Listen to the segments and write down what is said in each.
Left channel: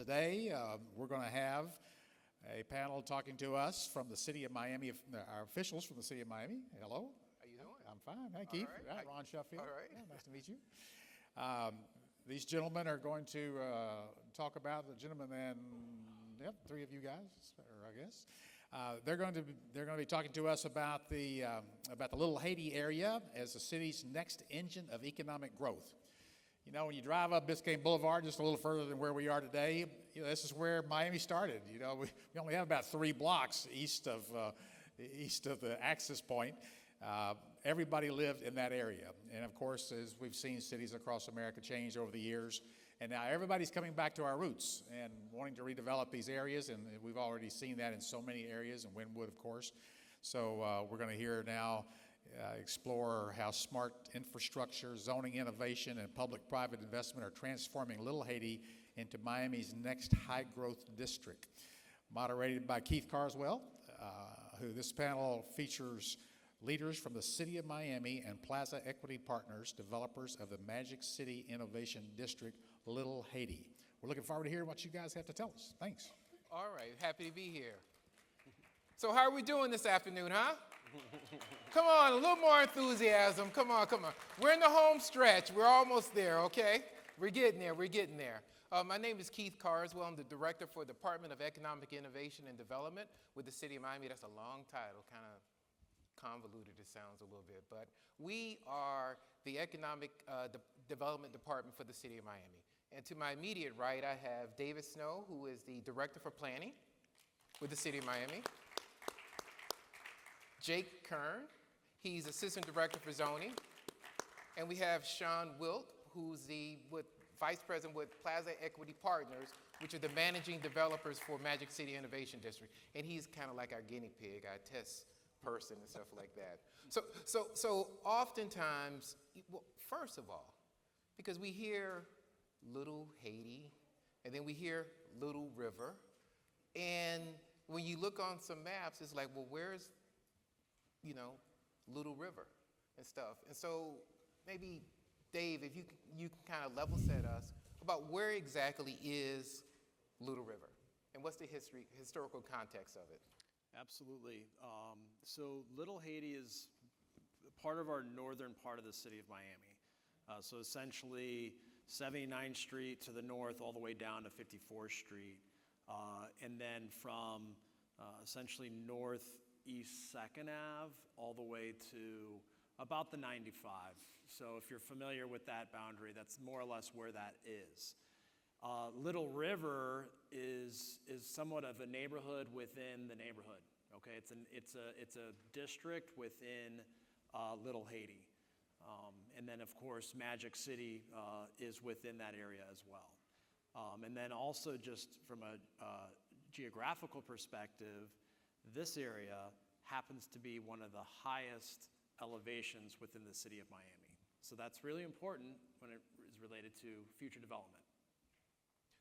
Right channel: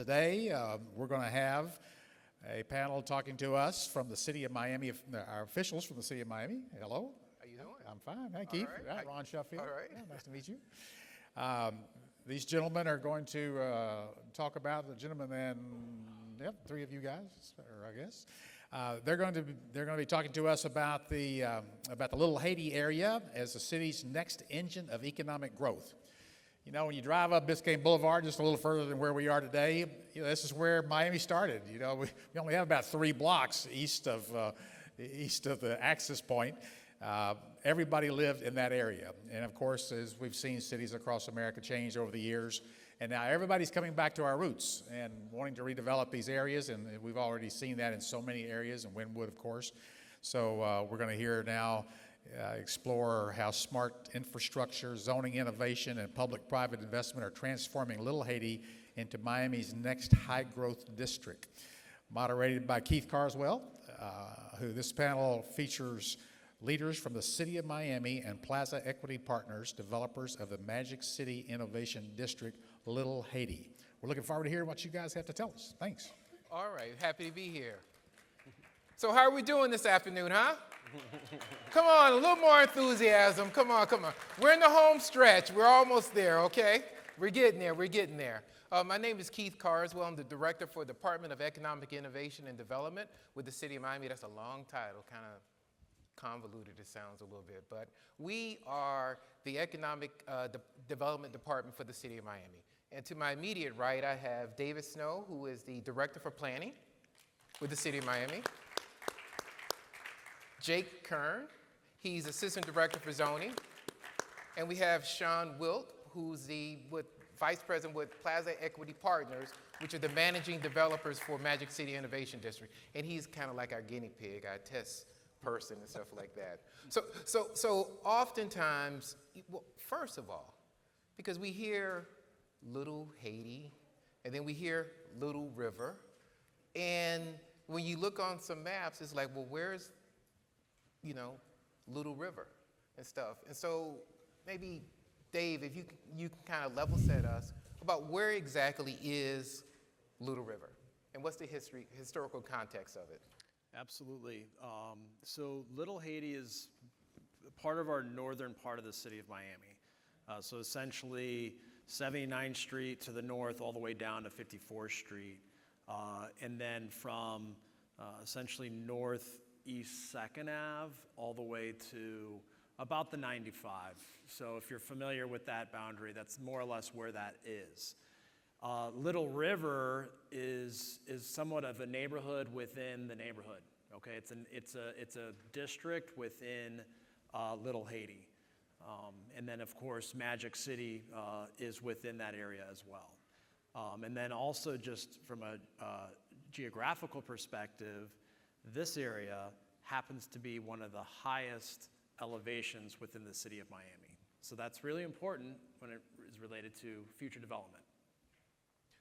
Today, we're going to have a panel talking to us from the city of Miami, our officials from the city of Miami. Hello. How you doing? I'm fine. Hi, Keith. All right. Ron Sheffield. All right. Yeah, nice to meet you. These gentlemen are going to talk about the gentleman and three of you guys, or I guess. They're going to be talking to us about the Little Haiti area as the city's next engine of economic growth. You know, when you drive up Biscayne Boulevard, just a little further than where we are today, this is where Miami started. You know, we only have about 3 blocks east of the access point. Everybody lived in that area, and of course, as we've seen cities across America change over the years, and now everybody's coming back to our roots and wanting to redevelop these areas, and we've already seen that in so many areas, and Wynwood, of course. So we're going to hear now. Explore how smart infrastructure, zoning innovation, and public-private investment are transforming Little Haiti into Miami's next high-growth district. Moderated by Keith Carswell, who this panel features leaders from the City of Miami and Plaza Equity Partners, developers of the Magic City Innovation District, Little Haiti. We're looking forward to hearing what you guys have to tell us. Thanks. All right, happy to be here. So how are we doing this afternoon, huh? Come on, a little more enthusiasm. Come on. We're in the home stretch. We're almost there, okay? We're getting there. My name is Keith Carswell. I'm the director for the Department of Economic Innovation and Development with the City of Miami. That's a long title, kind of convoluted it sounds a little bit, but we are the Economic Development Department for the City of Miami. And to my immediate right, I have David Snow, who is the Director for Planning with the City of Miami. Jake Keirn, he's Assistant Director for Zoning. And we have Shawn Wilt, who's the Vice President with Plaza Equity Partners, which are the managing developers for Magic City Innovation District. And he's kind of like our guinea pig, our test person and stuff like that. So oftentimes, well, first of all, because we hear Little Haiti, and then we hear Little River, and when you look on some maps, it's like, well, where's Little River and stuff. And so maybe, Dave, if you can kind of level set us about where exactly is Little River and what's the historical context of it? Absolutely. So Little Haiti is part of our northern part of the city of Miami. So essentially 79th Street to the north all the way down to 54th Street. And then from essentially northeast 2nd Ave all the way to about the 95. So if you're familiar with that boundary, that's more or less where that is. Little River is somewhat of a neighborhood within the neighborhood. Okay, it's a district within Little Haiti, and then of course Magic City is within that area as well. And then also just from a geographical perspective, this area happens to be one of the highest elevations within the city of Miami. So that's really important when it is related to future development.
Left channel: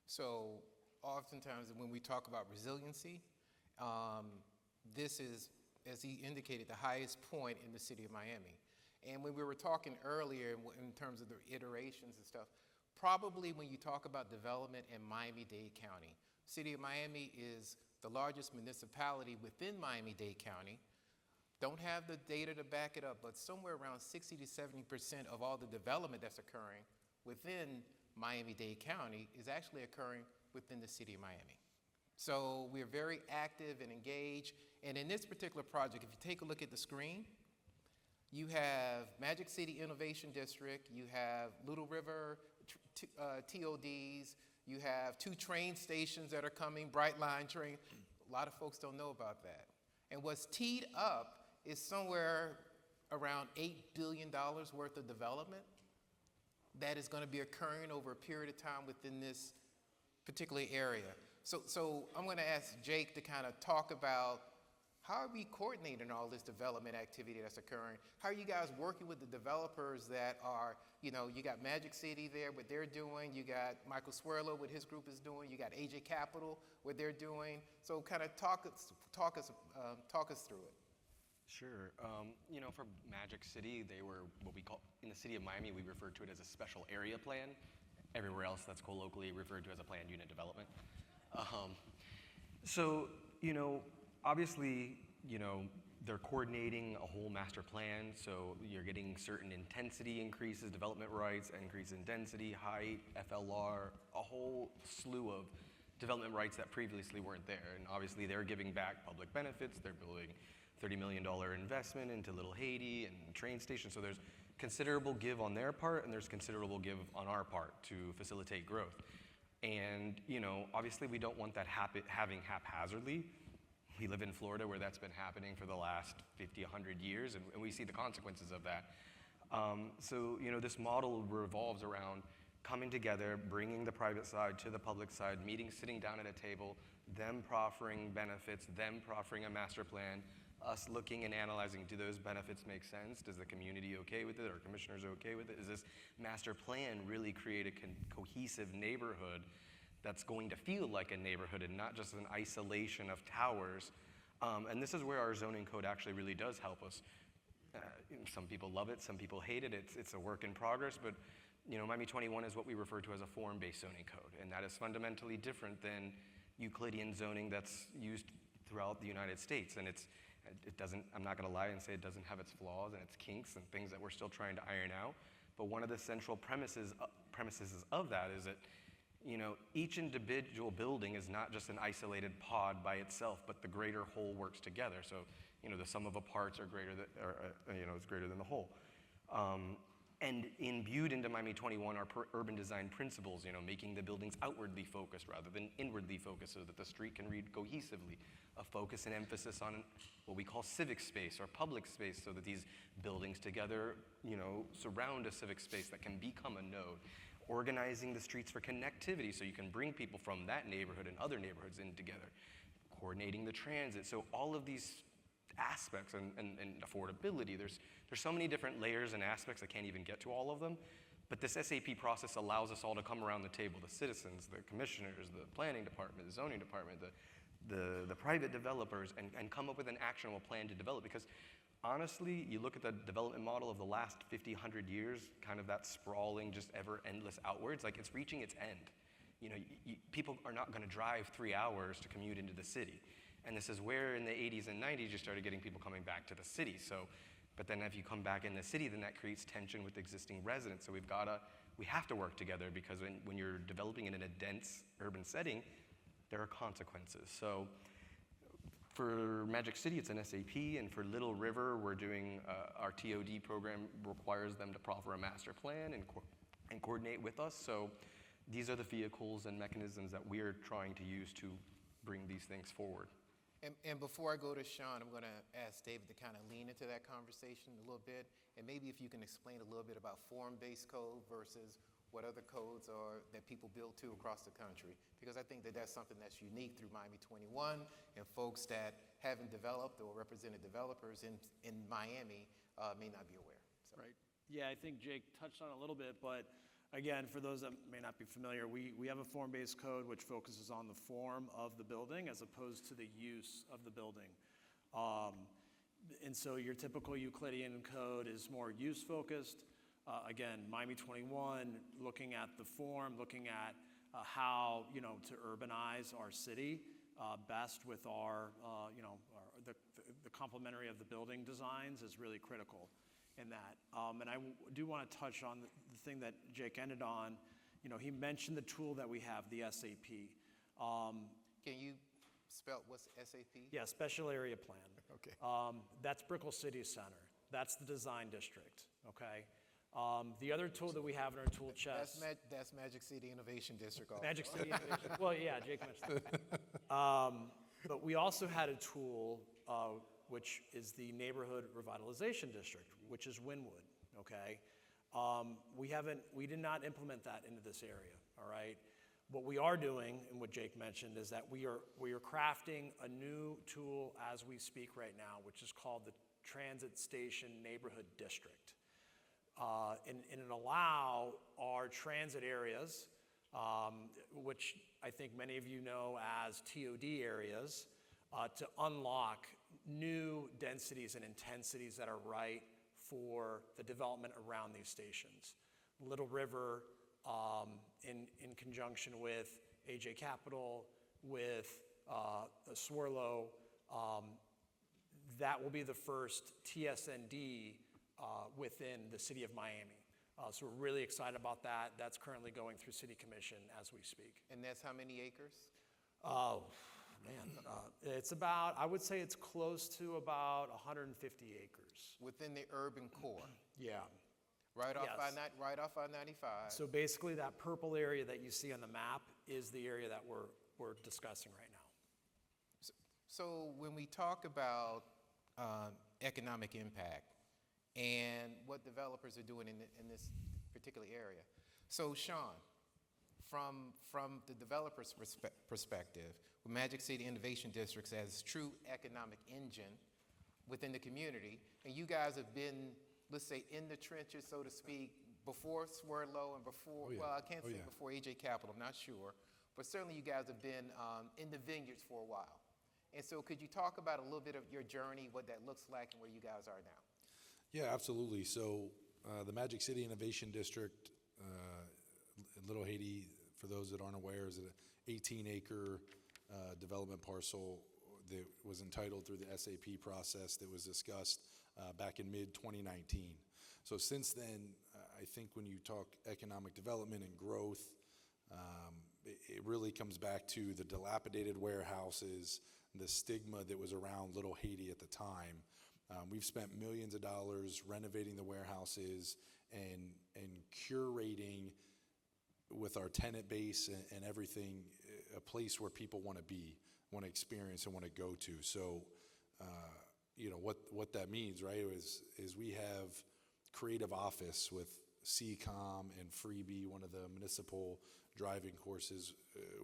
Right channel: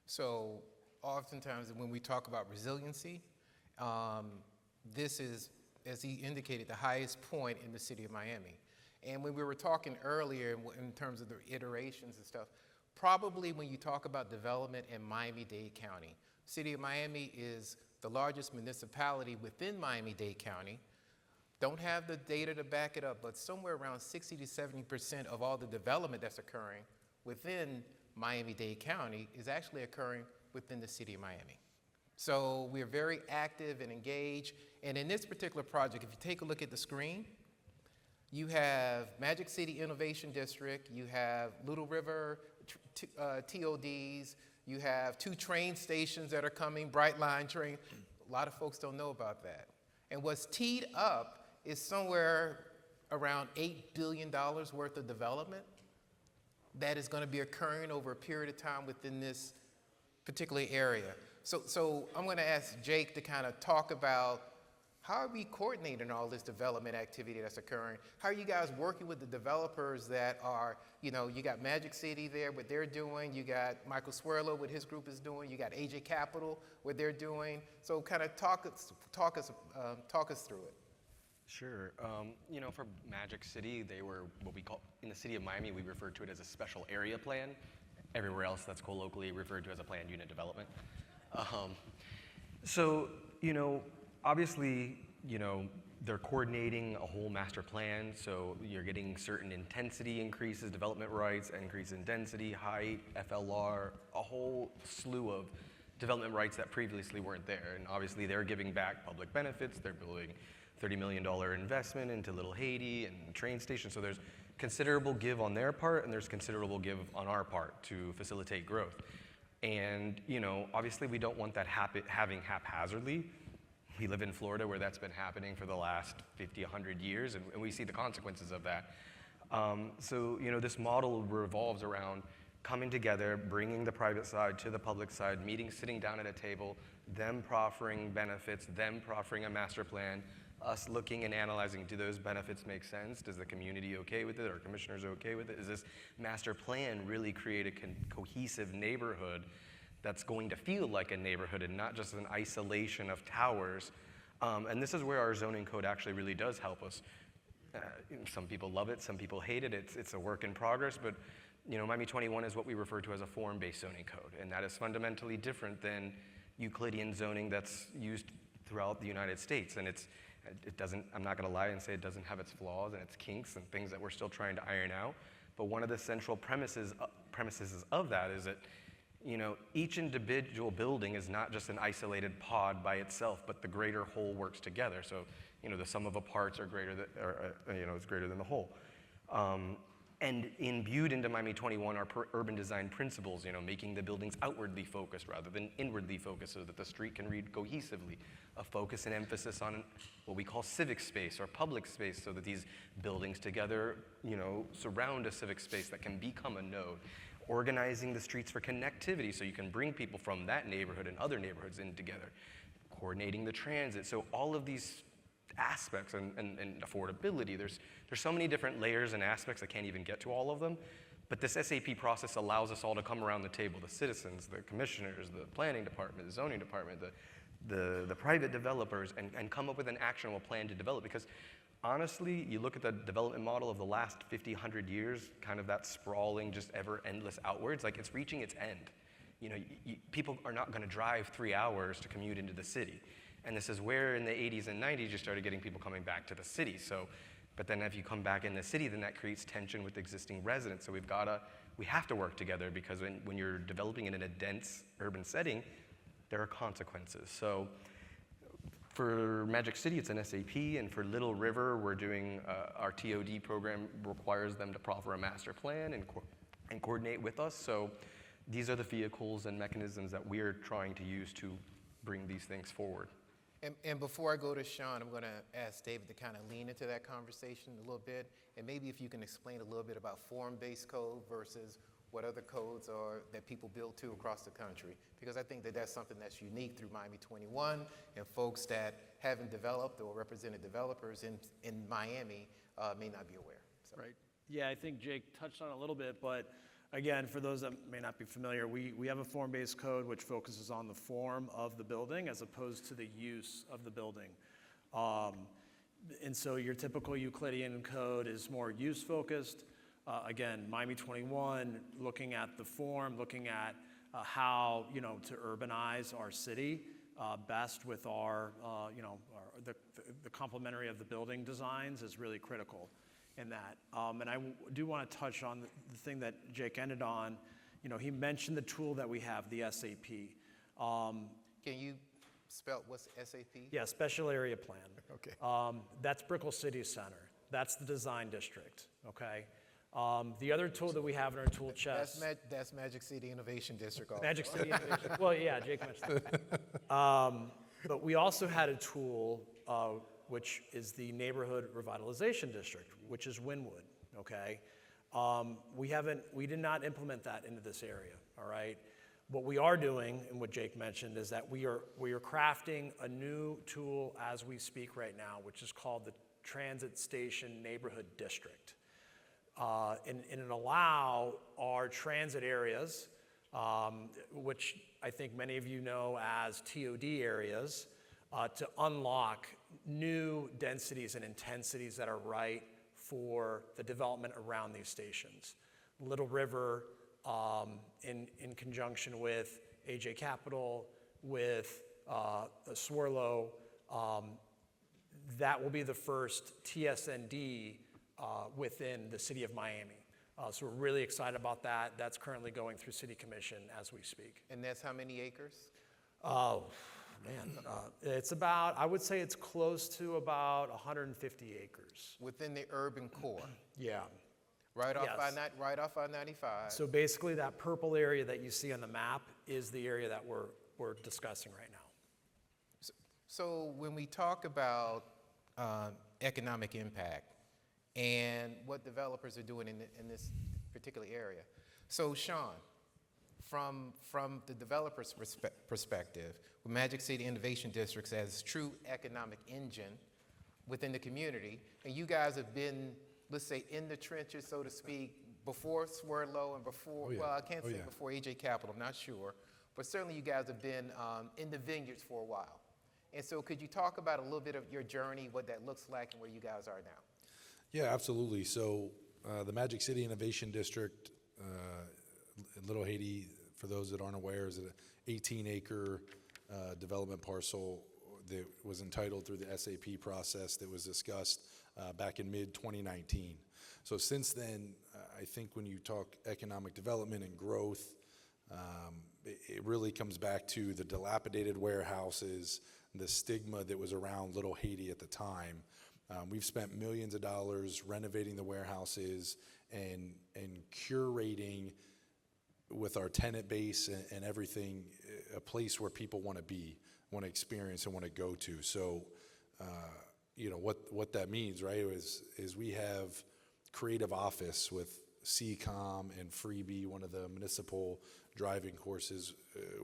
So oftentimes when we talk about resiliency, this is, as he indicated, the highest point in the city of Miami. And when we were talking earlier in terms of the iterations and stuff, probably when you talk about development in Miami-Dade County, city of Miami is the largest municipality within Miami-Dade County. Don't have the data to back it up, but somewhere around 60 to 70% of all the development that's occurring within Miami-Dade County is actually occurring within the city of Miami. So we're very active and engaged. And in this particular project, if you take a look at the screen, you have Magic City Innovation District, you have Little River TODs, you have 2 train stations that are coming, Bright Line train. A lot of folks don't know about that. And what's teed up is somewhere around $8 billion worth of development that is going to be occurring over a period of time within this particular area. So I'm going to ask Jake to kind of talk about how are we coordinating all this development activity that's occurring? How are you guys working with the developers that are, you got Magic City there, what they're doing. You got Michael Swerlo, what his group is doing. You got AJ Capital, what they're doing. So kind of talk us through it. Sure. For Magic City, they were what we call, in the city of Miami, we refer to it as a special area plan. Everywhere else that's colloquially referred to as a planned unit development. So, obviously, they're coordinating a whole master plan, so you're getting certain intensity increases, development rights, increase in density, height, FLR, a whole slew of development rights that previously weren't there. And obviously they're giving back public benefits. They're building $30 million investment into Little Haiti and train station. So there's considerable give on their part, and there's considerable give on our part to facilitate growth. And, obviously we don't want that having haphazardly. We live in Florida where that's been happening for the last 50, 100 years, and we see the consequences of that. So, this model revolves around coming together, bringing the private side to the public side, meeting, sitting down at a table, them proffering benefits, them proffering a master plan, us looking and analyzing, do those benefits make sense? Does the community okay with it? Are commissioners okay with it? Does this master plan really create a cohesive neighborhood that's going to feel like a neighborhood and not just an isolation of towers? And this is where our zoning code actually really does help us. Some people love it, some people hate it. It's a work in progress, but Miami 21 is what we refer to as a form-based zoning code, and that is fundamentally different than Euclidean zoning that's used throughout the United States. And it doesn't, I'm not gonna lie and say it doesn't have its flaws and its kinks and things that we're still trying to iron out. But one of the central premises of that is that each individual building is not just an isolated pod by itself, but the greater whole works together. So, the sum of the parts are greater than, is greater than the whole. And imbued into Miami 21 are urban design principles, making the buildings outwardly focused rather than inwardly focused so that the street can read cohesively. A focus and emphasis on what we call civic space or public space so that these buildings together, surround a civic space that can become a node. Organizing the streets for connectivity so you can bring people from that neighborhood and other neighborhoods in together. Coordinating the transit. So all of these aspects and affordability, there's so many different layers and aspects, I can't even get to all of them, but this SAP process allows us all to come around the table, the citizens, the commissioners, the planning department, the zoning department, the private developers, and come up with an actionable plan to develop. Because honestly, you look at the development model of the last 50, 100 years, kind of that sprawling, just ever endless outwards, like it's reaching its end. People are not gonna drive 3 hours to commute into the city. And this is where in the 80s and 90s you started getting people coming back to the city. So, but then if you come back in the city, then that creates tension with existing residents. So we have to work together because when you're developing it in a dense urban setting, there are consequences. So for Magic City, it's an SAP, and for Little River, we're doing, our TOD program requires them to proffer a master plan and coordinate with us. So these are the vehicles and mechanisms that we're trying to use to bring these things forward. And before I go to Shawn, I'm going to ask David to kind of lean into that conversation a little bit, and maybe if you can explain a little bit about form-based code versus what other codes are that people build to across the country, because I think that that's something that's unique through Miami 21, and folks that haven't developed or represented developers in Miami may not be aware. So. Right. Yeah, I think Jake touched on it a little bit, but again, for those that may not be familiar, we have a form-based code which focuses on the form of the building as opposed to the use of the building. And so your typical Euclidean code is more use-focused. Again, Miami 21, looking at the form, looking at how, to urbanize our city best with our, the complementary of the building designs is really critical in that. And I do want to touch on the thing that Jake ended on. He mentioned the tool that we have, the SAP. Can you spell what's SAP? Yeah, Special Area Plan. Okay. That's Brickell City Center. That's the design district, okay? The other tool that we have in our tool chest. That's Magic City Innovation District. Also. Magic City Innovation. Well, yeah, Jake mentioned that. But we also had a tool which is the Neighborhood Revitalization District, which is Wynwood, okay? We did not implement that into this area, all right? What we are doing, and what Jake mentioned, is that we are crafting a new tool as we speak right now, which is called the Transit Station Neighborhood District. And it allow our transit areas, which I think many of you know as TOD areas, to unlock new densities and intensities that are right for the development around these stations. Little River, in conjunction with AJ Capital, with Swarlow, that will be the first TSND within the city of Miami. So we're really excited about that. That's currently going through City Commission as we speak. And that's how many acres? Oh, man, it's about, I would say it's close to about 150 acres. Within the urban core, Yeah. right off Yes. right off I-95. So basically that purple area that you see on the map is the area that we're discussing right now. So when we talk about economic impact and what developers are doing in this particular area, so Shawn, from the developer's perspective, with Magic City Innovation Districts as true economic engine within the community, and you guys have been, let's say, in the trenches, so to speak, before Swerlo and before, Oh, yeah. well, I can't Oh, say yeah. before AJ Capital, I'm not sure, but certainly you guys have been in the vineyards for a while. And so could you talk about a little bit of your journey, what that looks like, and where you guys are now? Yeah, absolutely. So the Magic City Innovation District in Little Haiti, for those that aren't aware, is an 18-acre development parcel that was entitled through the SAP process that was discussed back in mid-2019. So since then, I think when you talk economic development and growth, it really comes back to the dilapidated warehouses, the stigma that was around Little Haiti at the time. We've spent millions of dollars renovating the warehouses and curating with our tenant base and everything, a place where people want to be, want to experience, and want to go to. So, you know, what that means, right, is we have creative office with CCOM and Freebie, one of the municipal driving courses.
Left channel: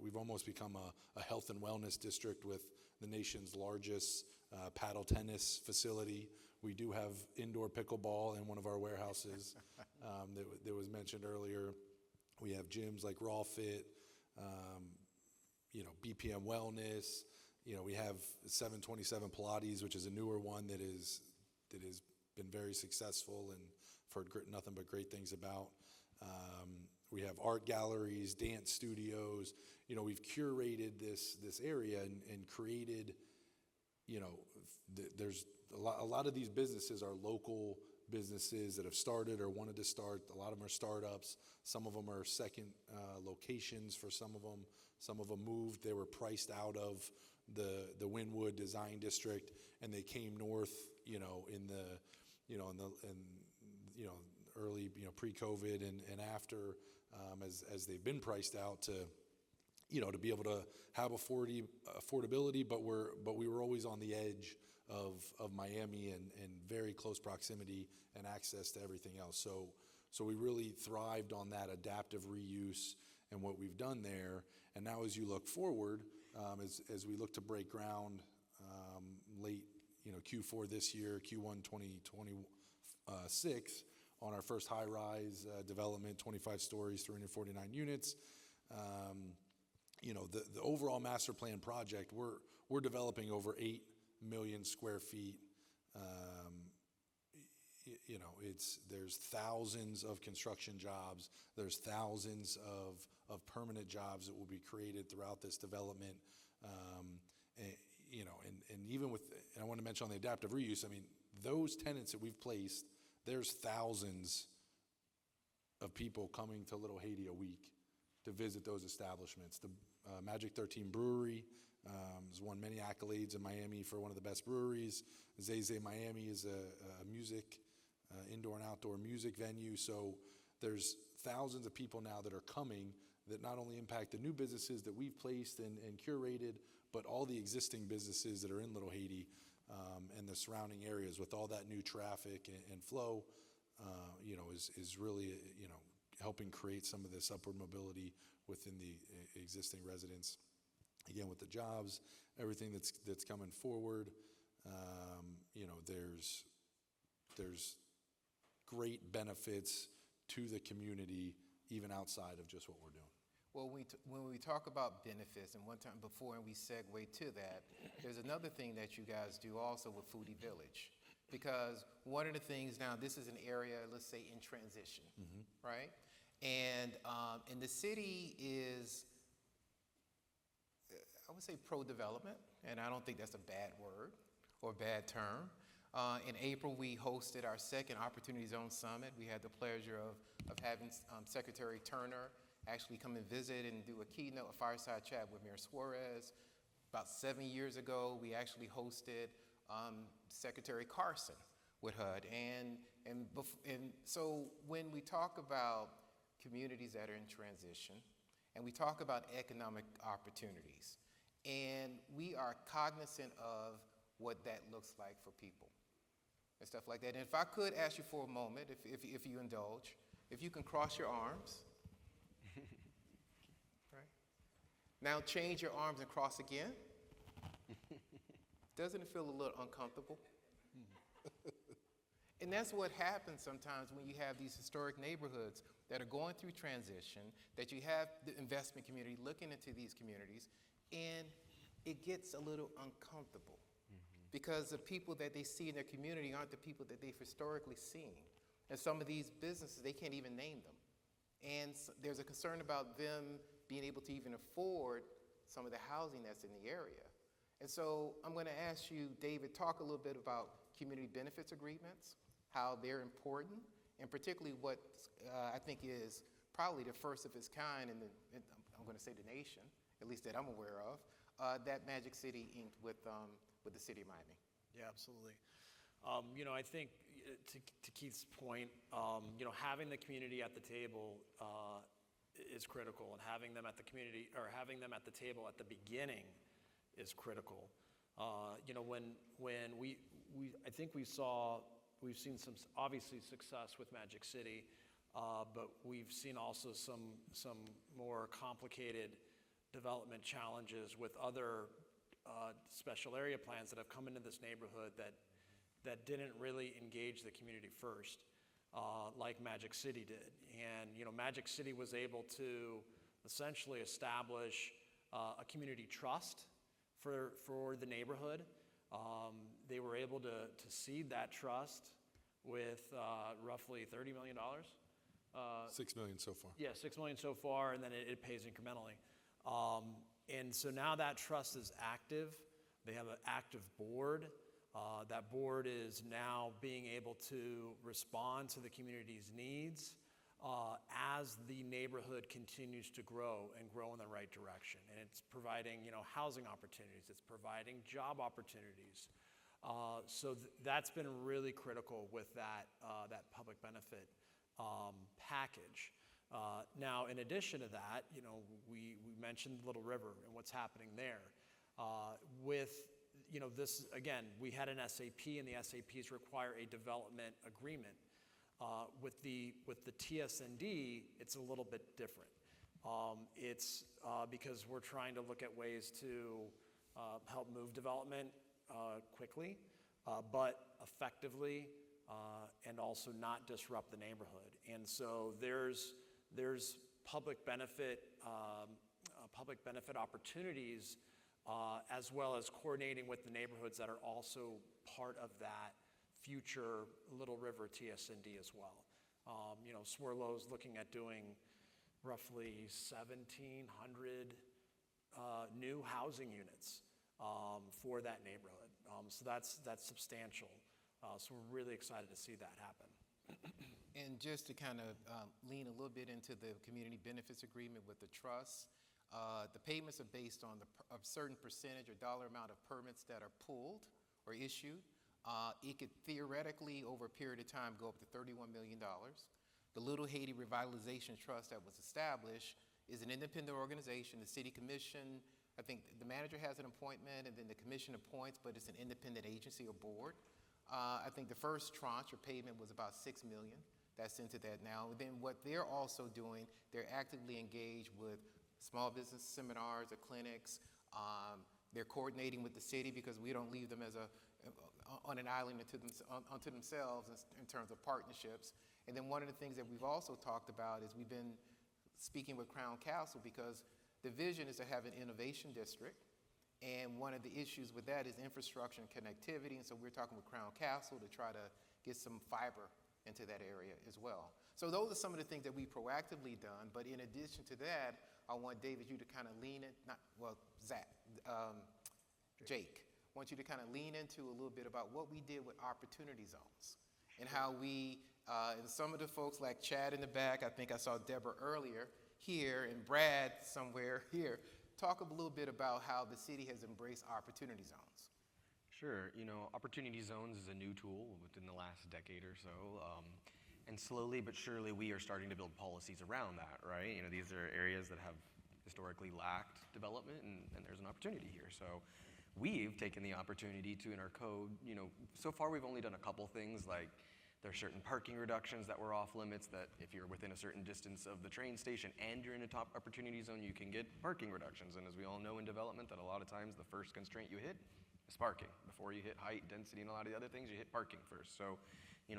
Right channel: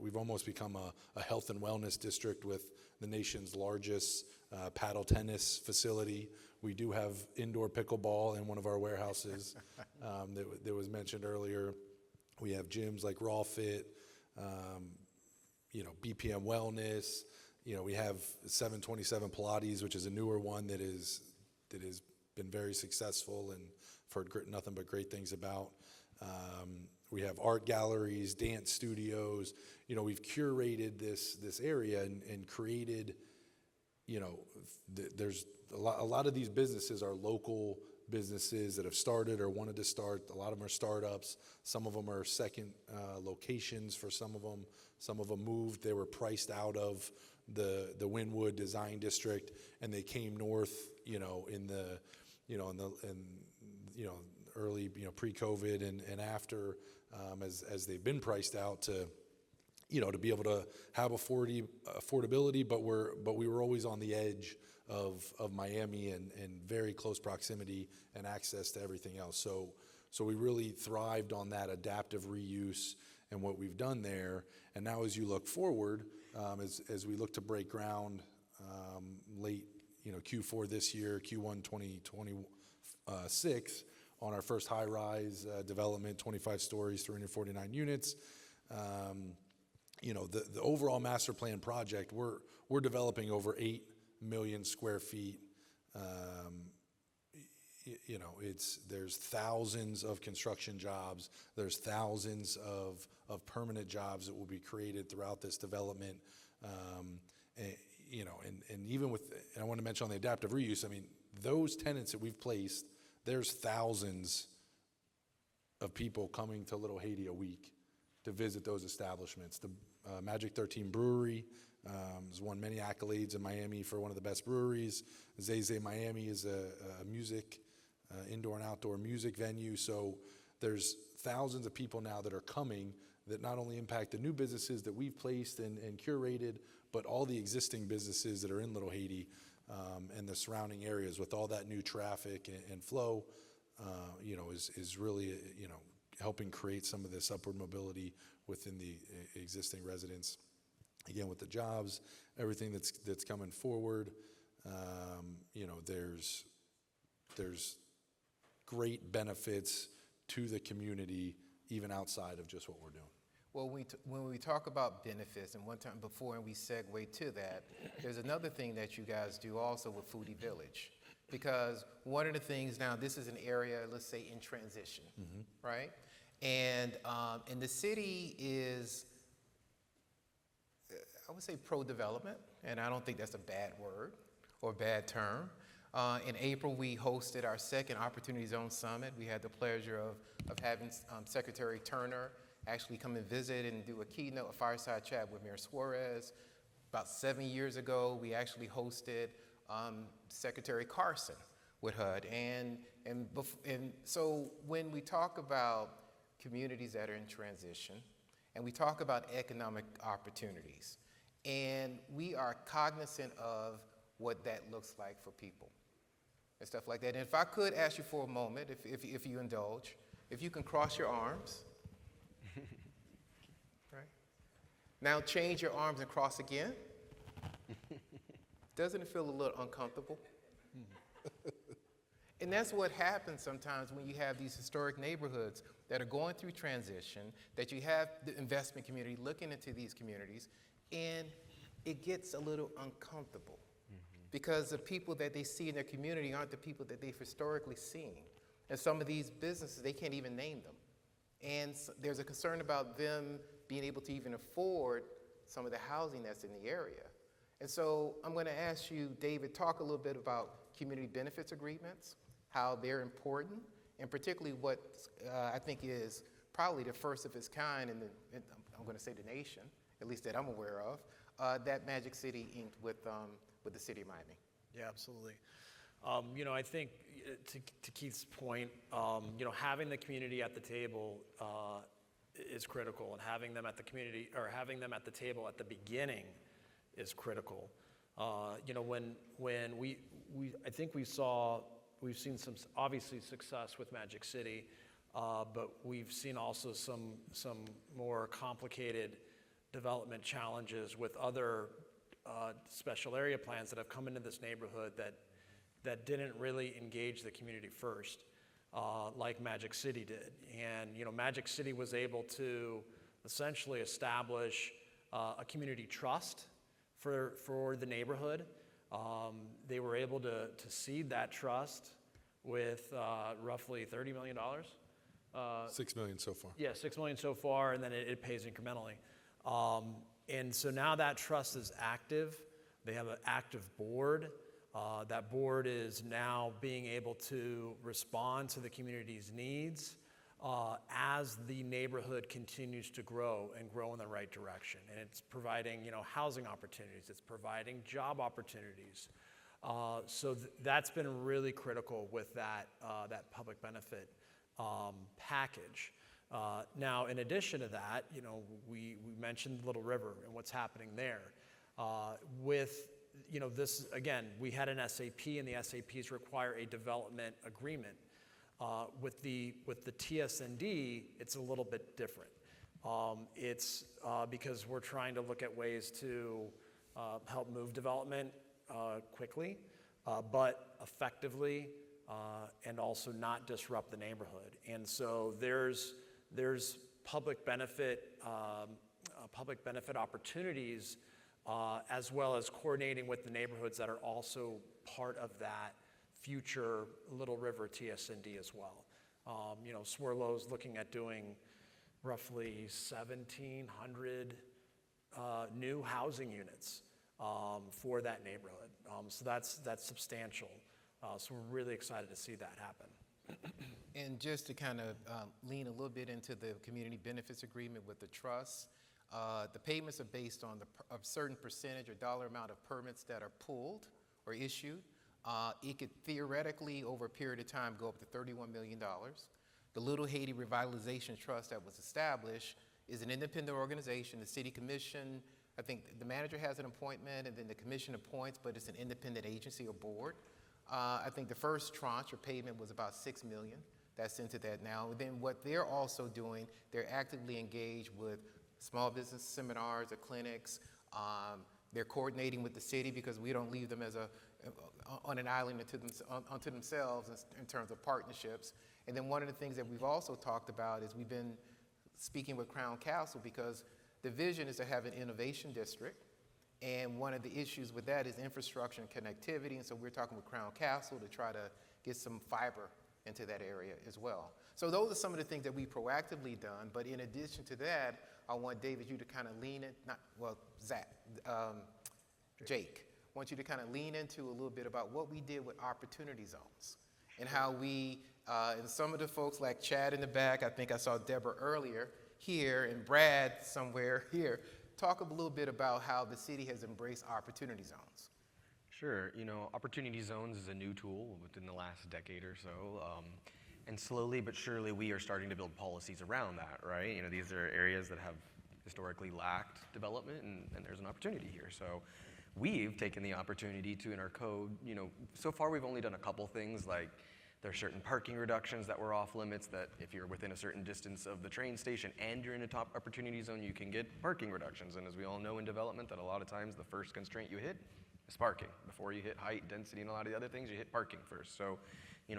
We've almost become a health and wellness district with the nation's largest paddle tennis facility. We do have indoor pickleball in one of our warehouses that was mentioned earlier. We have gyms like Raw Fit, you know, BPM Wellness. You know, we have 727 Pilates, which is a newer one that has been very successful and I've heard nothing but great things about. We have art galleries, dance studios. You know, we've curated this area and created, you know, there's a lot of these businesses are local businesses that have started or wanted to start. A lot of them are startups. Some of them are second locations for some of them. Some of them moved. They were priced out of the Wynwood Design District, and they came north, you know, in early, you know, pre-COVID and after, as they've been priced out to, you know, to be able to have affordability, but we were always on the edge of Miami and very close proximity and access to everything else. So we really thrived on that adaptive reuse and what we've done there. And now as you look forward, as we look to break ground late, you know, Q4 this year, Q1 2026, on our first high-rise development, 25 stories, 349 units. You know, the overall master plan project, we're developing over 8 million square feet. You know, there's thousands of construction jobs. There's thousands of permanent jobs that will be created throughout this development. You know, and even with, and I want to mention on the adaptive reuse, I mean, those tenants that we've placed, there's thousands of people coming to Little Haiti a week to visit those establishments. The Magic 13 Brewery has won many accolades in Miami for one of the best breweries. Zay Miami is a music, indoor and outdoor music venue. So there's thousands of people now that are coming that not only impact the new businesses that we've placed and curated, but all the existing businesses that are in Little Haiti and the surrounding areas with all that new traffic and flow, you know, is really, you know, helping create some of this upward mobility within the existing residents. Again, with the jobs, everything that's coming forward, you know, there's great benefits to the community even outside of just what we're doing. Well, when we talk about benefits, and one time before, and we segue to that, there's another thing that you guys do also with Foodie Village. Because one of the things now, this is an area, let's say, in transition, right? And the city is, I would say pro-development, and I don't think that's a bad word or bad term. In April, we hosted our second Opportunity Zone Summit. We had the pleasure of having Secretary Turner actually come and visit and do a keynote, a fireside chat with Mayor Suarez. About 7 years ago, we actually hosted Secretary Carson with HUD. And so when we talk about communities that are in transition, and we talk about economic opportunities, and we are cognizant of what that looks like for people and stuff like that. And if I could ask you for a moment, if you indulge, if you can cross your arms, right? Now change your arms and cross again. Doesn't it feel a little uncomfortable? And that's what happens sometimes when you have these historic neighborhoods that are going through transition, that you have the investment community looking into these communities, and it gets a little uncomfortable because the people that they see in their community aren't the people that they've historically seen. And some of these businesses, they can't even name them. And there's a concern about them being able to even afford some of the housing that's in the area. And so I'm going to ask you, David, talk a little bit about community benefits agreements, how they're important, and particularly what I think is probably the first of its kind I'm going to say the nation, at least that I'm aware of, that Magic City inked with the city of Miami. Yeah, absolutely. I think to Keith's point, having the community at the table is critical, and having them at the table at the beginning is critical. When I think we've seen some obviously success with Magic City, but we've seen also some more complicated development challenges with other special area plans that have come into this neighborhood that didn't really engage the community first, like Magic City did. And Magic City was able to essentially establish a community trust for the neighborhood. They were able to seed that trust with roughly $30 million. 6 million so far. Yeah, 6 million so far, and then it pays incrementally. And so now that trust is active. They have an active board. That board is now being able to respond to the community's needs as the neighborhood continues to grow and grow in the right direction. And it's providing, housing opportunities. It's providing job opportunities. So that's been really critical with that public benefit package. Now, in addition to that, we mentioned Little River and what's happening there. This, again, we had an SAP, and the SAPs require a development agreement. With the TSND, it's a little bit different. It's because we're trying to look at ways to help move development quickly, but effectively, and also not disrupt the neighborhood. And so there's public benefit opportunities, as well as coordinating with the neighborhoods that are also part of that future Little River TSND as well. Swerlo's looking at doing roughly 1,700 new housing units for that neighborhood. So that's substantial. So we're really excited to see that happen. And just to kind of lean a little bit into the community benefits agreement with the trust, the payments are based on a certain percentage or dollar amount of permits that are pulled or issued. It could theoretically, over a period of time, go up to $31 million. The Little Haiti Revitalization Trust that was established is an independent organization. The city commission, I think the manager has an appointment, and then the commission appoints, but it's an independent agency or board. I think the first tranche or payment was about $6 million. That's into that now. And then what they're also doing, they're actively engaged with small business seminars or clinics. They're coordinating with the city because we don't leave them as on an island unto themselves in terms of partnerships. And then one of the things that we've also talked about is we've been speaking with Crown Castle because the vision is to have an innovation district. And one of the issues with that is infrastructure and connectivity. And so we're talking with Crown Castle to try to get some fiber into that area as well. So those are some of the things that we've proactively done. But in addition to that, I want David, you to kind of lean in, Zach, Jake, I want you to kind of lean into a little bit about what we did with opportunity zones and how we, and some of the folks like Chad in the back, I think I saw Deborah earlier here, and Brad somewhere here, talk a little bit about how the city has embraced opportunity zones. Sure. Opportunity zones is a new tool within the last decade or so. And slowly but surely we are starting to build policies around that, right? These are areas that have historically lacked development, and there's an opportunity here. So we've taken the opportunity to, in our code, so far we've only done a couple things, like there's certain parking reductions that were off limits, that if you're within a certain distance of the train station and you're in a top opportunity zone, you can get parking reductions. And as we all know in development, that a lot of times the first constraint you hit is parking. Before you hit height, density, and a lot of the other things, you hit parking first. So,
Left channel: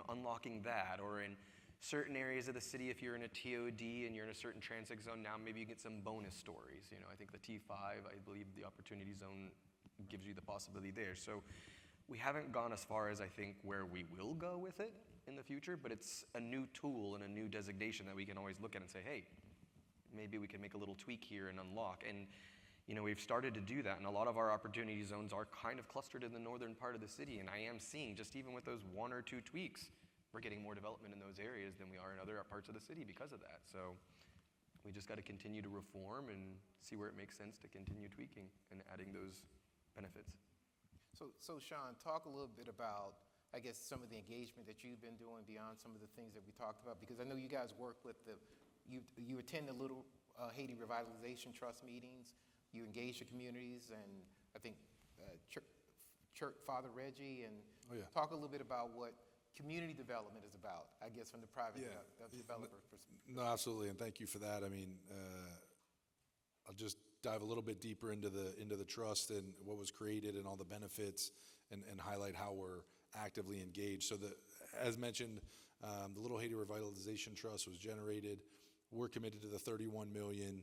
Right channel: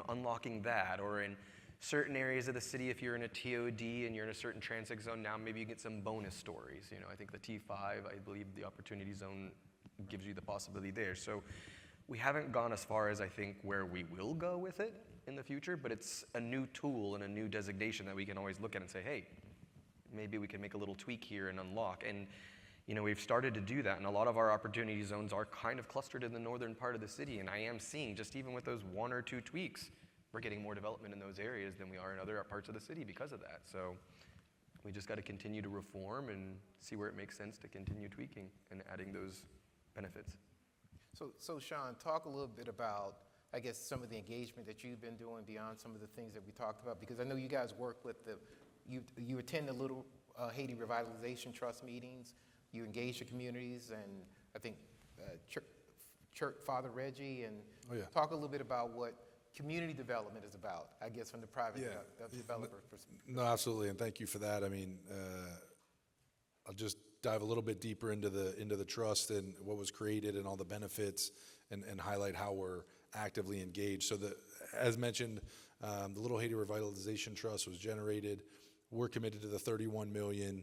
unlocking that, or in certain areas of the city, if you're in a TOD and you're in a certain transit zone, now maybe you get some bonus stories. I think the T5, I believe the opportunity zone gives you the possibility there. So we haven't gone as far as I think where we will go with it in the future, but it's a new tool and a new designation that we can always look at and say, hey, maybe we can make a little tweak here and unlock. And we've started to do that, and a lot of our opportunity zones are kind of clustered in the northern part of the city, and I am seeing, just even with those 1 or 2 tweaks, we're getting more development in those areas than we are in other parts of the city because of that. So we just got to continue to reform and see where it makes sense to continue tweaking and adding those benefits. So Shawn, talk a little bit about, I guess, some of the engagement that you've been doing beyond some of the things that we talked about, because I know you guys work with you attend the Little Haiti Revitalization Trust meetings, you engage the communities, and I think Church Father Reggie, and talk a little bit about what community development is about, I guess, from the private developer perspective. No, absolutely, and thank you for that. I mean, I'll just dive a little bit deeper into the trust and what was created and all the benefits, and highlight how we're actively engaged. So as mentioned, the Little Haiti Revitalization Trust was generated. We're committed to the $31 million.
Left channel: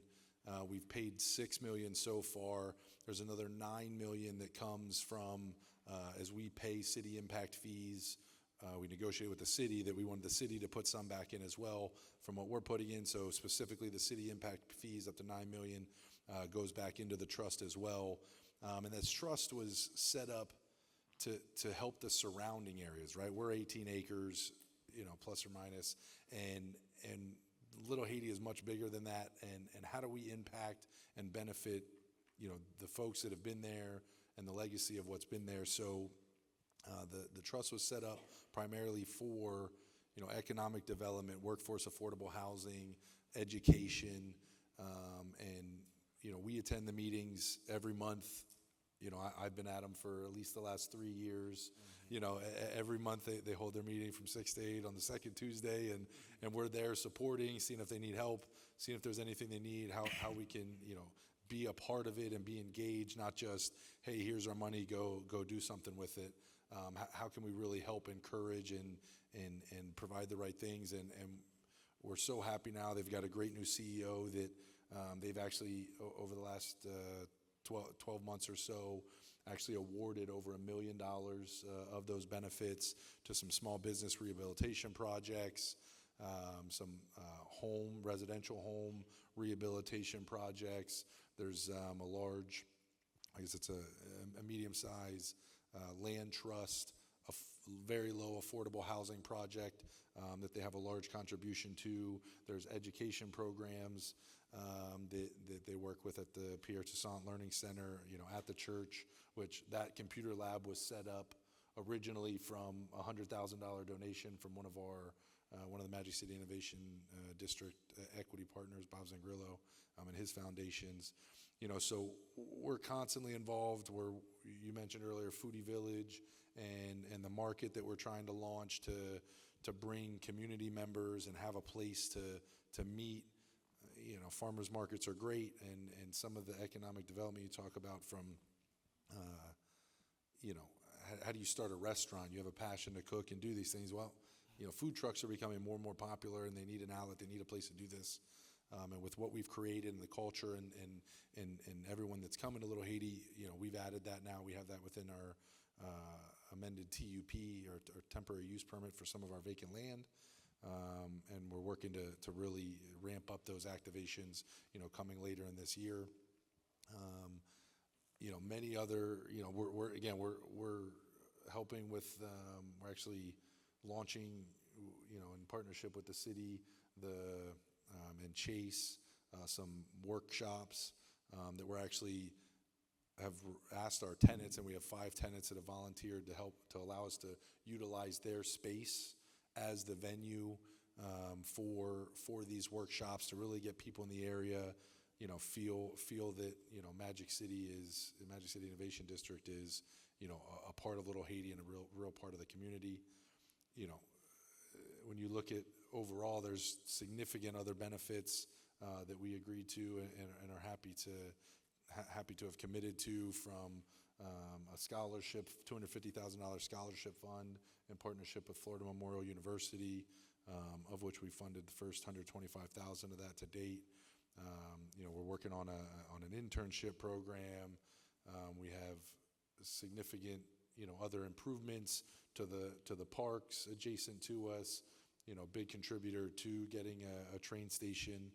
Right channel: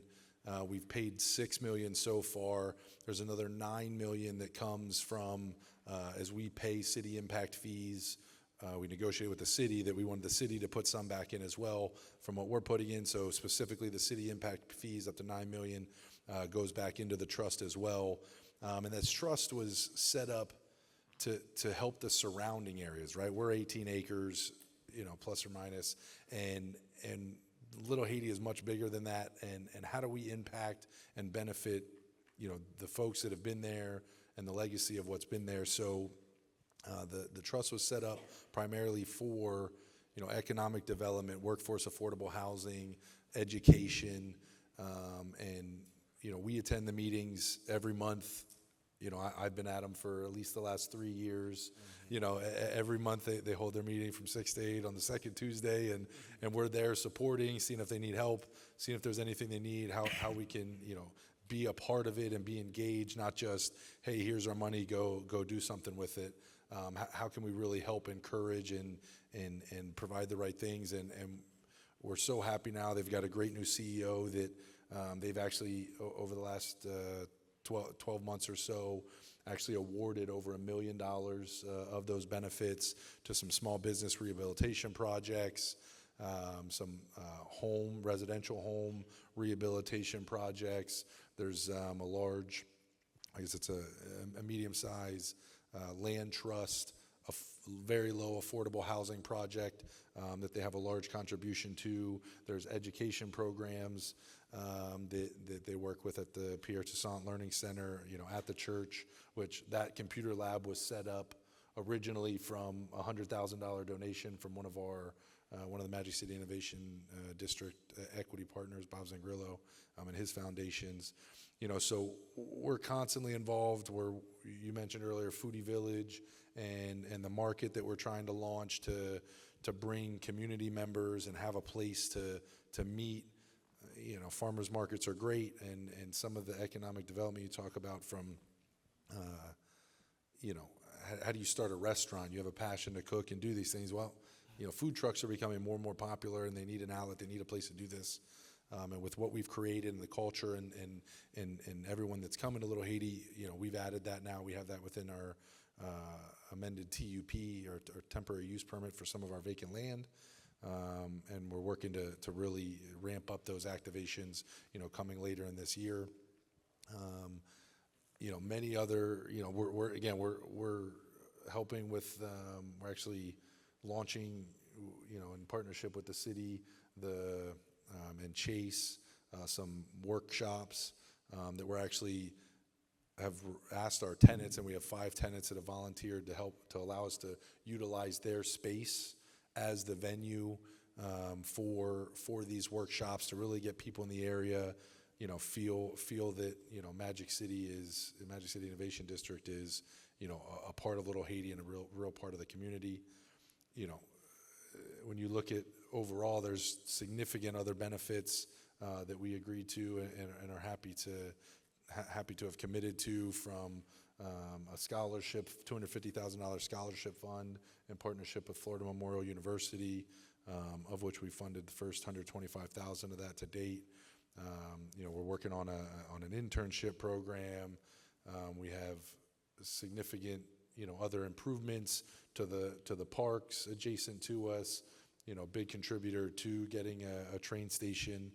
We've paid $6 million so far. There's another $9 million that comes from as we pay city impact fees. We negotiated with the city that we wanted the city to put some back in as well from what we're putting in. So specifically the city impact fees up to $9 million goes back into the trust as well. And this trust was set up to help the surrounding areas, right? We're 18 acres, plus or minus, and Little Haiti is much bigger than that. And how do we impact and benefit, the folks that have been there and the legacy of what's been there? So the trust was set up primarily for, economic development, workforce affordable housing, education, and, we attend the meetings every month. I've been at them for at least the last 3 years. Every month they hold their meeting from 6 to 8 on the second Tuesday, and we're there supporting, seeing if they need help, seeing if there's anything they need, how we can, be a part of it and be engaged, not just, hey, here's our money, go do something with it. How can we really help encourage and provide the right things? And we're so happy now. They've got a great new CEO that they've actually, over the last 12 months or so, actually awarded over $1 million of those benefits to some small business rehabilitation projects, some residential home rehabilitation projects. There's a large, I guess it's a medium-sized land trust, a very low affordable housing project that they have a large contribution to. There's education programs that they work with at the Pierre Toussaint Learning Center, at the church, which that computer lab was set up originally from a $100,000 donation from one of the Magic City Innovation District equity partners, Bob Zangrillo, and his foundations. So we're constantly involved. You mentioned earlier Foodie Village and the market that we're trying to launch to bring community members and have a place to meet. Farmers markets are great, and some of the economic development you talk about from, how do you start a restaurant? You have a passion to cook and do these things. Well, food trucks are becoming more and more popular, and they need an outlet. They need a place to do this. And with what we've created and the culture and everyone that's coming to Little Haiti, we've added that now. We have that within our amended TUP or temporary use permit for some of our vacant land. And we're working to really ramp up those activations, coming later in this year. Many other, we're helping with, we're actually launching, in partnership with the city, and Chase, some workshops that we're actually have asked our tenants, and we have 5 tenants that have volunteered to help to allow us to utilize their space as the venue for these workshops, to really get people in the area, feel that Magic City Innovation District is a part of Little Haiti and a real part of the community. When you look at overall, there's significant other benefits that we agreed to and are happy to have committed to, from a scholarship, $250,000 scholarship fund in partnership with Florida Memorial University, of which we funded the first $125,000 of that to date. We're working on an internship program. We have significant, other improvements to the parks adjacent to us. Big contributor to getting a train station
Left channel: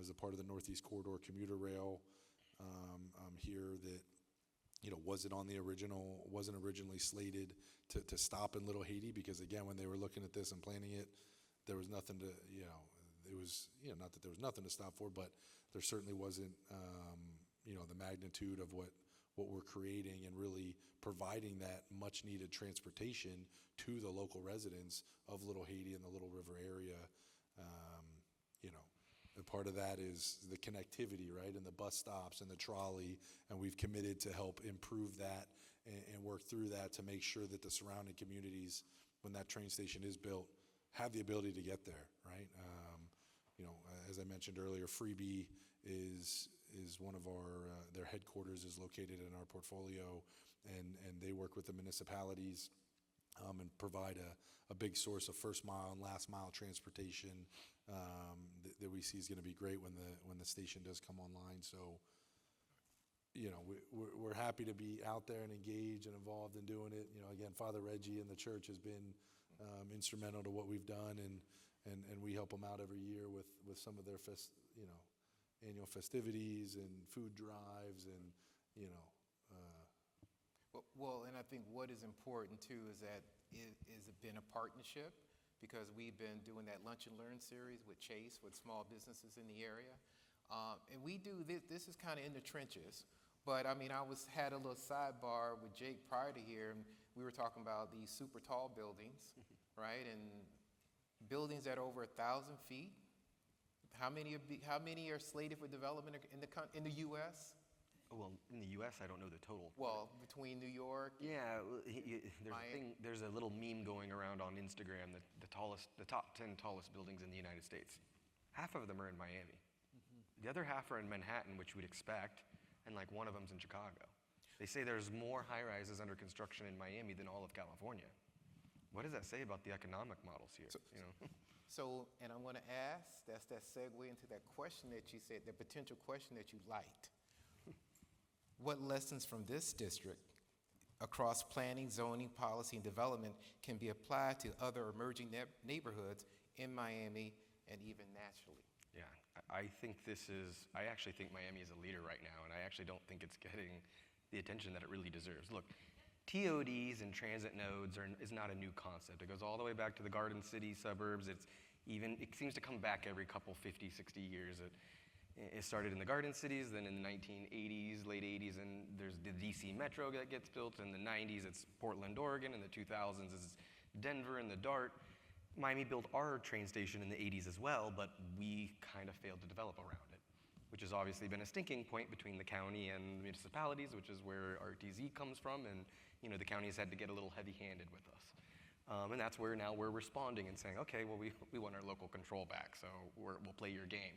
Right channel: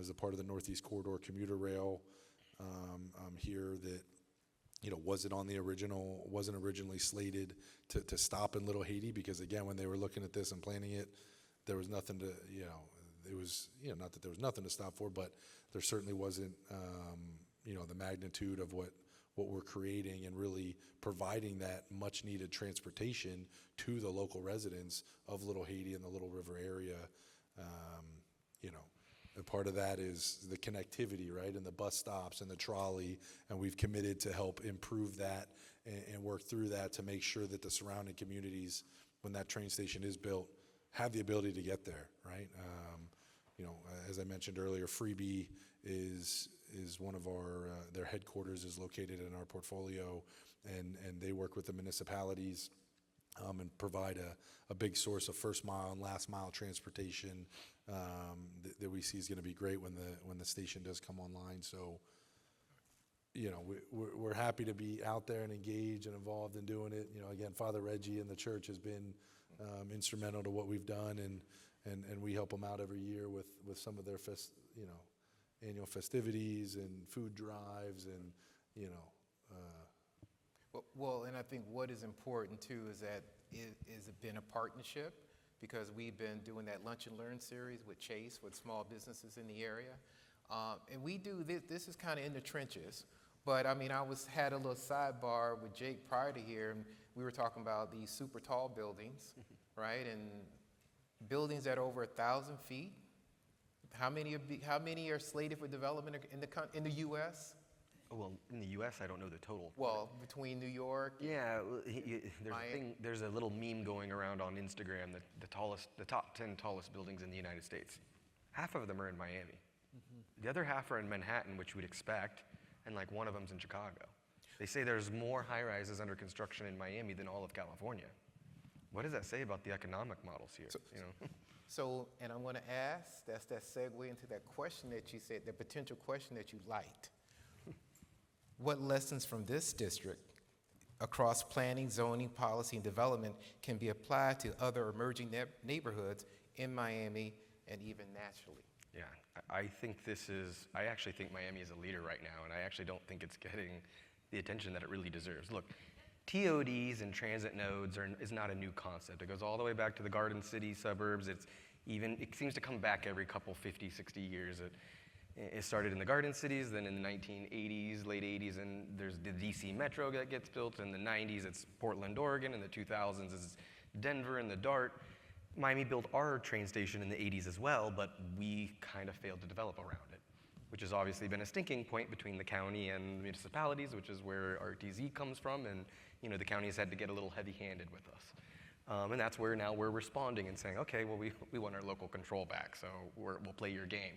as a part of the Northeast Corridor commuter rail here that wasn't originally slated to stop in Little Haiti, because again, when they were looking at this and planning it, there was nothing to, it was, not that there was nothing to stop for, but there certainly wasn't, the magnitude of what we're creating and really providing that much needed transportation to the local residents of Little Haiti and the Little River area. And part of that is the connectivity, right, and the bus stops and the trolley, and we've committed to help improve that and work through that to make sure that the surrounding communities, when that train station is built, have the ability to get there, right? As I mentioned earlier, Freebie is one of their headquarters is located in our portfolio, and they work with the municipalities and provide a big source of first mile and last mile transportation that we see is going to be great when the station does come online. So, we're happy to be out there and engaged and involved in doing it. Again, Father Reggie and the church has been instrumental to what we've done, and we help them out every year with some of their annual festivities and food drives, and Well, and I think what is important too is that it has been a partnership, because we've been doing that Lunch and Learn series with Chase, with small businesses in the area. And we do this is kind of in the trenches, but I mean, had a little sidebar with Jake prior to here, and we were talking about these super tall buildings, right? And buildings that are over 1,000 feet. How many are slated for development in the U.S.? Well, in the U.S., I don't know the total. Well, between New York. Yeah, there's a little meme going around on Instagram that the top 10 tallest buildings in the United States, half of them are in Miami. The other half are in Manhattan, which you would expect, and like one of them's in Chicago. They say there's more high-rises under construction in Miami than all of California. What does that say about the economic models here? So, and I want to ask, that's that segue into that question that you said, the potential question that you liked. What lessons from this district across planning, zoning, policy, and development can be applied to other emerging neighborhoods in Miami and even nationally? Yeah, I actually think Miami is a leader right now, and I actually don't think it's getting the attention that it really deserves. Look, TODs and transit nodes is not a new concept. It goes all the way back to the Garden City suburbs. It seems to come back every couple 50, 60 years. It started in the Garden Cities, then in the 1980s, late 80s, and there's the DC Metro that gets built. In the 90s, it's Portland, Oregon. In the 2000s, it's Denver and the DART. Miami built our train station in the 80s as well, but we kind of failed to develop around it, which has obviously been a stinking point between the county and municipalities, which is where RTZ comes from, and the county has had to get a little heavy-handed with us. And that's where now we're responding and saying, okay, well, we want our local control back, so we'll play your game.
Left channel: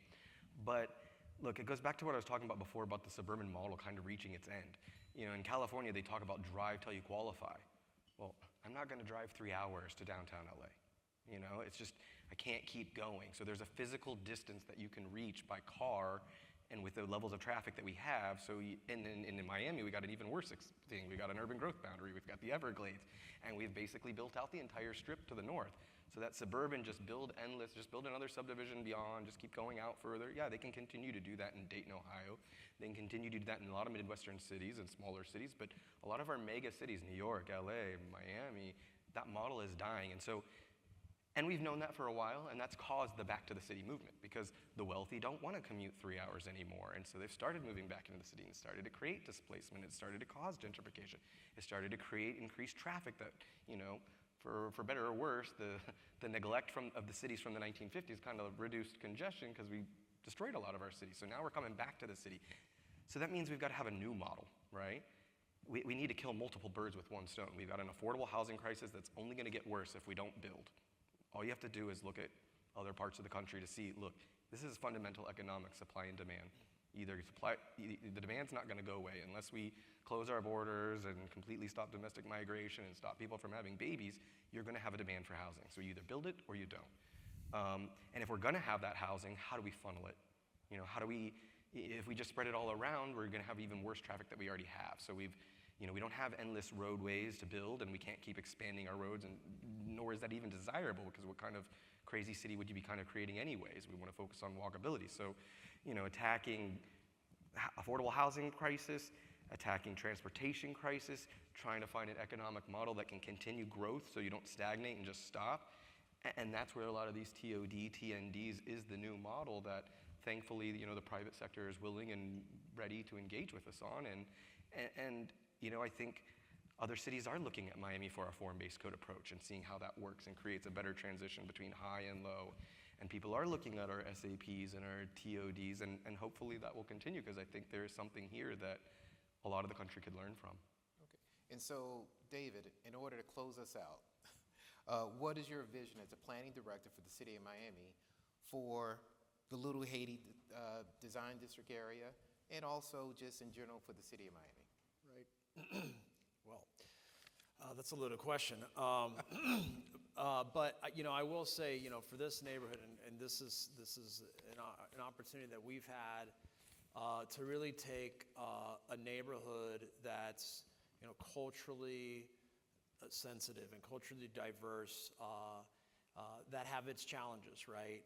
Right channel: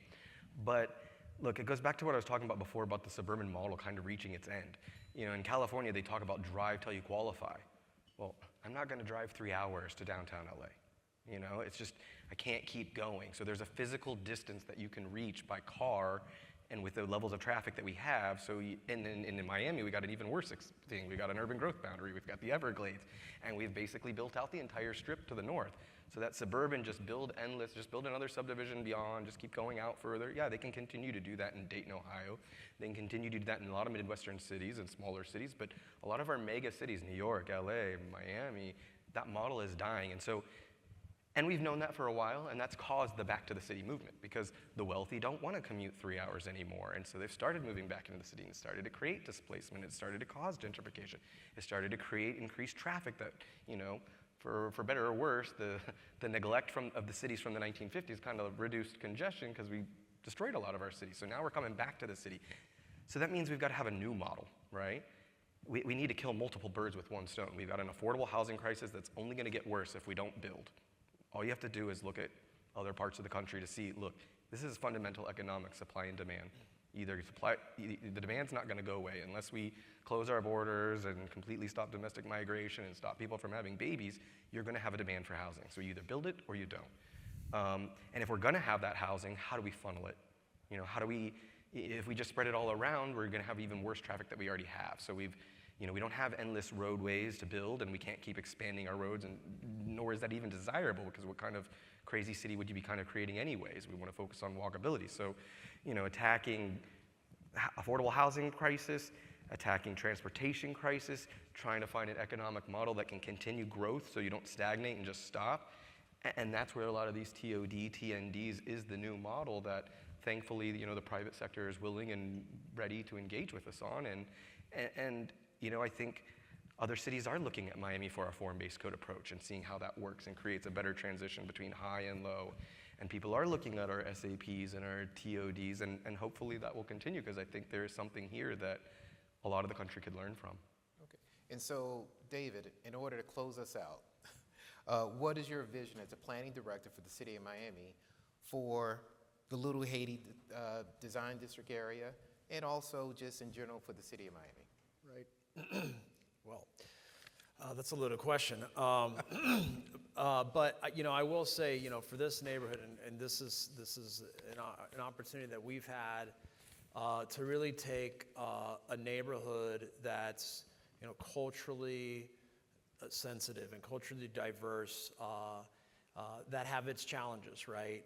But look, it goes back to what I was talking about before about the suburban model kind of reaching its end. In California, they talk about drive till you qualify. Well, I'm not going to drive 3 hours to downtown LA. It's just, I can't keep going. So there's a physical distance that you can reach by car, and with the levels of traffic that we have, and in Miami, we got an even worse thing. We got an urban growth boundary, we've got the Everglades, and we've basically built out the entire strip to the north. So that suburban, just build endless, just build another subdivision beyond, just keep going out further. Yeah, they can continue to do that in Dayton, Ohio. They can continue to do that in a lot of Midwestern cities and smaller cities, but a lot of our mega cities, New York, LA, Miami, that model is dying. And we've known that for a while, and that's caused the back to the city movement because the wealthy don't want to commute 3 hours anymore. And so they've started moving back into the city and started to create displacement. It started to cause gentrification. It started to create increased traffic that, for better or worse, the neglect of the cities from the 1950s kind of reduced congestion because we destroyed a lot of our cities. So now we're coming back to the city. So that means we've got to have a new model, right? We need to kill multiple birds with one stone. We've got an affordable housing crisis that's only going to get worse if we don't build. All you have to do is look at other parts of the country to see, look, this is fundamental economic supply and demand. The demand's not going to go away unless we close our borders and completely stop domestic migration and stop people from having babies. You're going to have a demand for housing. So you either build it or you don't. And if we're going to have that housing, how do we funnel it? If we just spread it all around, we're going to have even worse traffic that we already have. So we don't have endless roadways to build, and we can't keep expanding our roads, and nor is that even desirable, because what kind of crazy city would you be kind of creating anyways? We want to focus on walkability. So, attacking affordable housing crisis, attacking transportation crisis, trying to find an economic model that can continue growth so you don't stagnate and just stop. And that's where a lot of these TOD, TNDs is the new model that thankfully, the private sector is willing and ready to engage with us on. And I think other cities are looking at Miami for a form-based code approach and seeing how that works and creates a better transition between high and low. And people are looking at our SAPs and our TODs, and hopefully that will continue, because I think there is something here that a lot of the country could learn from. Okay. And so, David, in order to close us out, what is your vision as a planning director for the city of Miami for the Little Haiti Design District area, and also just in general for the city of Miami? Right. Well, that's a loaded question. But I will say, for this neighborhood, and this is an opportunity that we've had to really take a neighborhood that's culturally sensitive and culturally diverse, that have its challenges, right?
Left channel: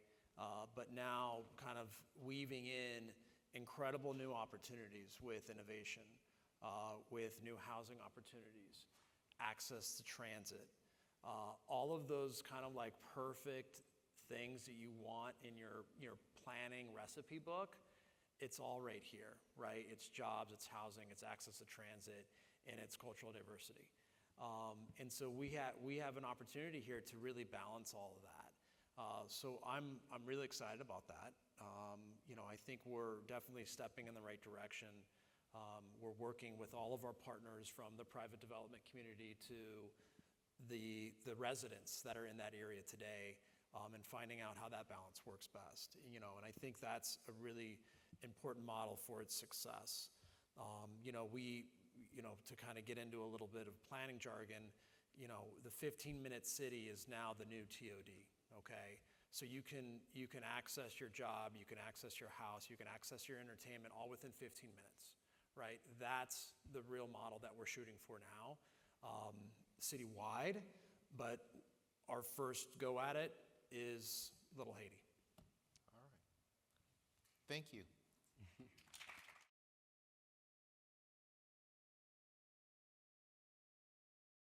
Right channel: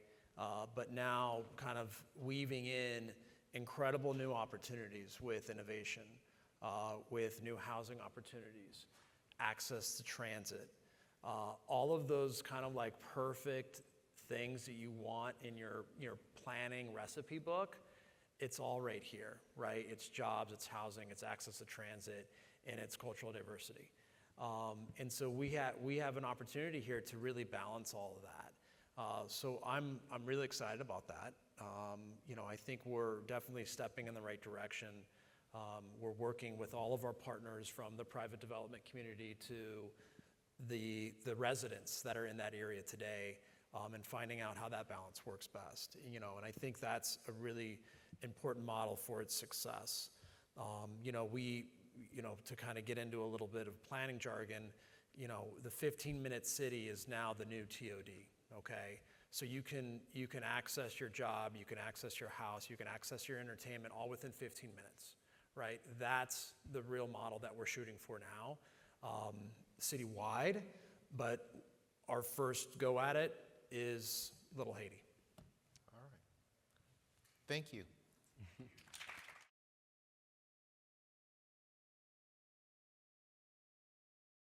But now kind of weaving in incredible new opportunities with innovation, with new housing opportunities, access to transit, all of those kind of like perfect things that you want in your planning recipe book. It's all right here, right? It's jobs, it's housing, it's access to transit, and it's cultural diversity. And so we have an opportunity here to really balance all of that. So I'm really excited about that. I think we're definitely stepping in the right direction. We're working with all of our partners, from the private development community to the residents that are in that area today, and finding out how that balance works best. And I think that's a really important model for its success. To kind of get into a little bit of planning jargon, the 15-minute city is now the new TOD, okay? So you can access your job, you can access your house, you can access your entertainment all within 15 minutes, right? That's the real model that we're shooting for now, citywide, but our first go at it is Little Haiti. All right. Thank you.